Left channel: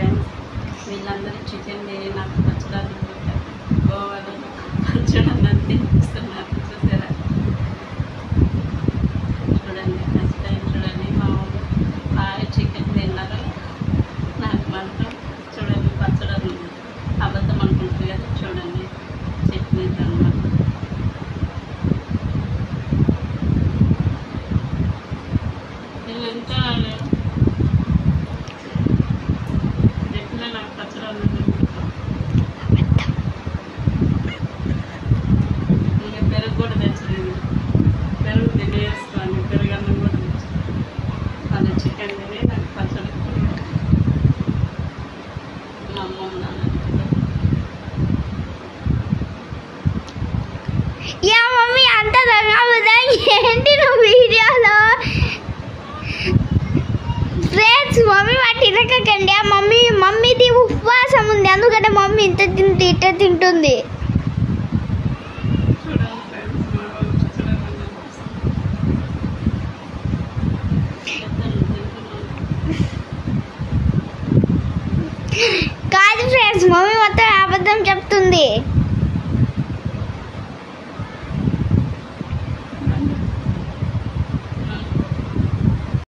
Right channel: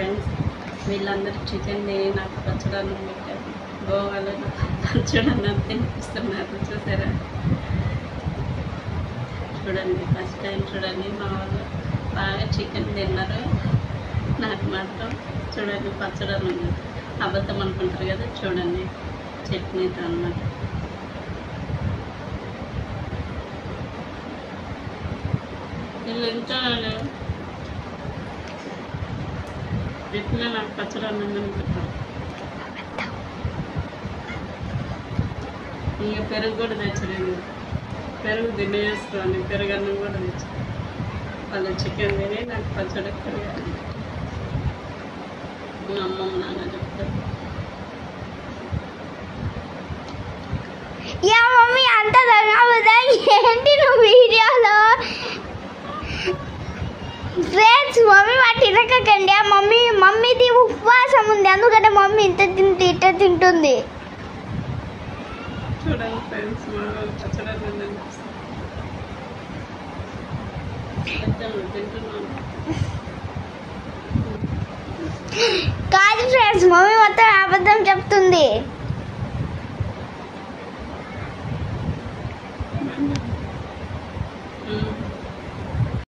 Friends, వీళ్ళందరూ chicken తిని నాకు పచ్చడాలు పెట్టారు. గోవాలో పచ్చడన్నం తినిపిస్తున్నారు. చూసారా? చూడండి, ఫస్ట్ టైం చూడండి. మా వాళ్ళు బాగా చికెన్ తిన్నారు. నాకు మాత్రం చూడండి పచ్చడన్నం ఉంది. అబద్ధం అనుకుంటారు కదా, చూడండి చట్నీ అన్నమాట. వీళ్ళు ఎంత ఎట్లా నాకు పచ్చడన్నం తినిపిస్తారు. ఇంకా పెరుగు కూడా తెచ్చలేదు. పెరుగు తినేస్తాను, పెరుగన్నం కూడా తెచ్చు. వాళ్ళు చికెన్ తిని నాకు పచ్చడి పెరిగారు. మా అమ్మమ్మ నాన్న చెప్తారు. యా మమ్మీ అంత ఏంటి నువ్వు వీడియోలో? ఫ్రెండ్స్, మమ్మీ వాటి తినకండి. ఆ మమ్మీది ఉపవాసం ఉంది, అందుకంటే మమ్మీ ఇంత తింటుంది. చూడండి ఫ్రెండ్స్, మా వాళ్ళు పచ్చడన్నం తింటున్నాను. కాదు ఫ్రెండ్స్, మమ్మీ మొత్తం అబద్ధం చెప్తుంది.